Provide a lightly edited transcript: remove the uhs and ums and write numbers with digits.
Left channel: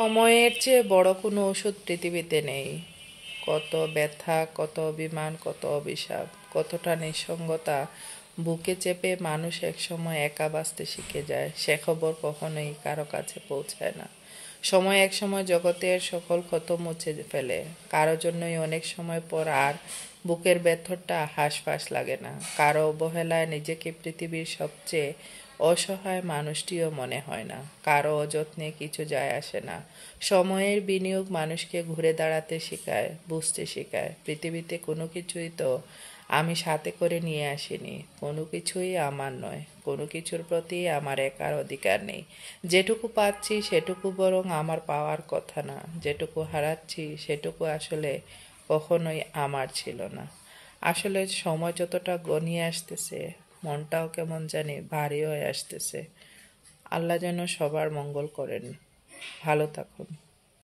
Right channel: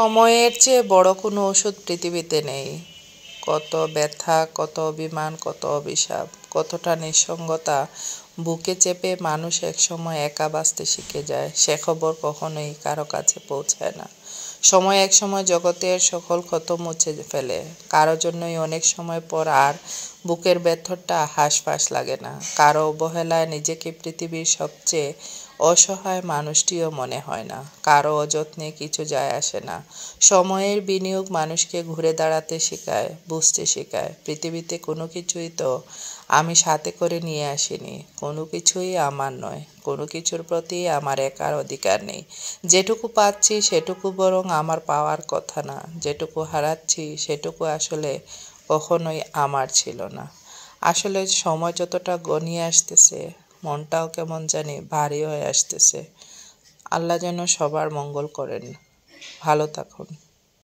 সময়ের চেয়ে বড় কোনো ওষুধ পৃথিবীতে নেই। কত ব্যথা, কত অভিমান, কত অভিশাপ, কতটা নিঃসঙ্গতা বুকে চেপে মানুষ একসময় একা বাঁচতে শিখে যায়, সে খবর কখনোই কারো কাছে পৌঁছায় না। সময় একসময় জগতের সকল ক্ষত মুছে ফেলে, কারো জন্যই অনেক সময় পর আর বুকের ভেতরটা হাঁসফাঁস লাগে না। কারো অবহেলায় নিজেকে পৃথিবীর সবচেয়ে অসহায় মানুষটিও মনে হয় না। কারো অযত্নে কিছু যায় আসে না। সময়ের বিনিয়োগ মানুষকে ঘুরে দাঁড়াতে শেখায়, বুঝতে শেখায় পৃথিবীতে কোনো কিছুই তো আমি সাথে করে নিয়ে আসিনি, কোনো কিছুই আমার নয়, কোনো কিছুর প্রতি আমার একার অধিকার নেই। যেটুকু পাচ্ছি সেটুকু বরং আমার পাওয়ার কথা না, যেটুকু হারাচ্ছি সেটুকু আসলে কখনোই আমার ছিল না। আসলে সময় যতটা গনিয়ে আসতেছে, মনটাও কেমন জানি ভারী হয়ে আসতেছে। আল্লাহ যেন সবার মঙ্গল করেন। ভালো থাকুন।